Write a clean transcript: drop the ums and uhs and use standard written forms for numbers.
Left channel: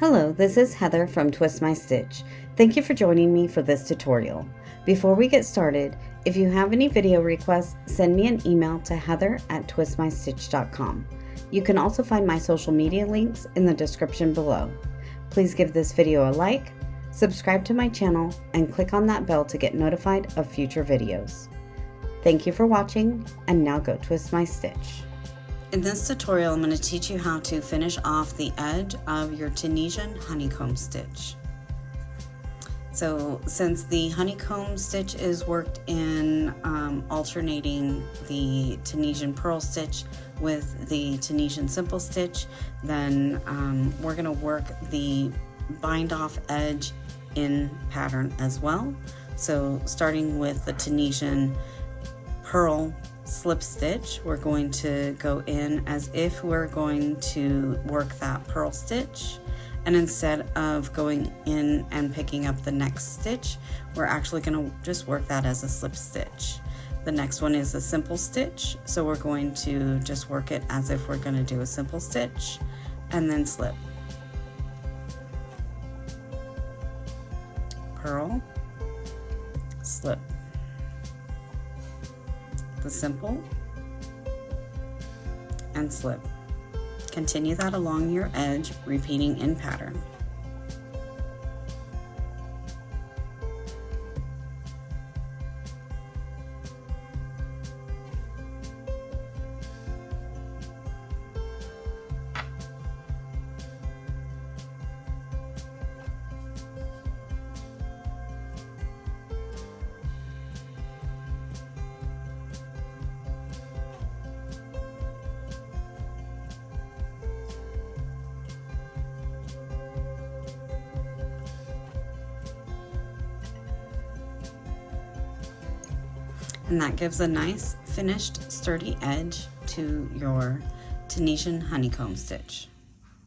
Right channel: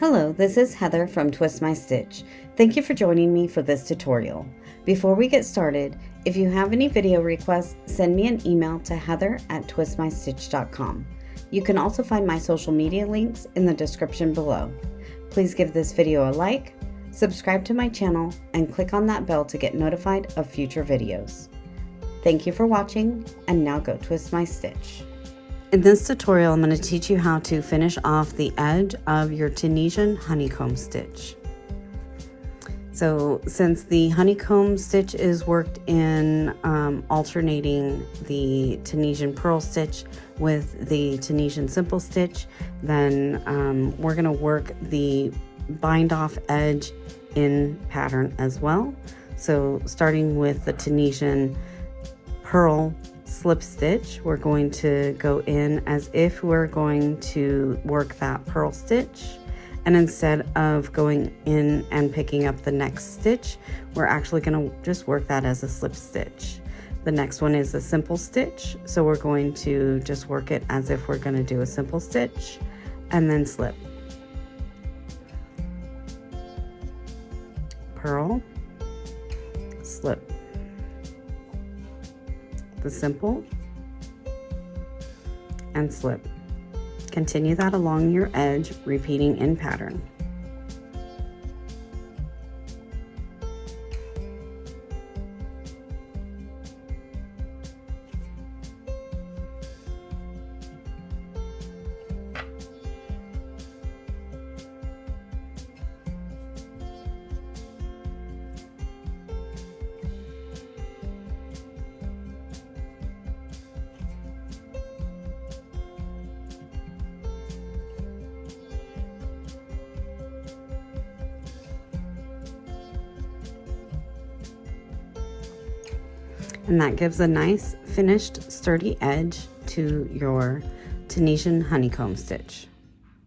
Hello, this is Heather from Twist My Stitch. Thank you for joining me for this tutorial. Before we get started, if you have any video requests, send me an email to heather@twistmystitch.com. You can also find my social media links in the description below. Please give this video a like, subscribe to my channel, and click on that bell to get notified of future videos. Thank you for watching, and now go twist my stitch. In this tutorial, I'm going to teach you how to finish off the edge of your Tunisian honeycomb stitch. So since the honeycomb stitch is worked in alternating the Tunisian purl stitch with the Tunisian simple stitch, then we're going to work the bind off edge in pattern as well. So starting with the Tunisian purl slip stitch, we're going to go in as if we're going to work that purl stitch, and instead of going in and picking up the next stitch, we're actually going to just work that as a slip stitch. The next one is a simple stitch, so we're going to just work it as if we're going to do a simple stitch and then slip, purl, slip, the simple, and slip. Continue that along your edge, repeating in pattern. And that gives a nice finished sturdy edge to your Tunisian honeycomb stitch.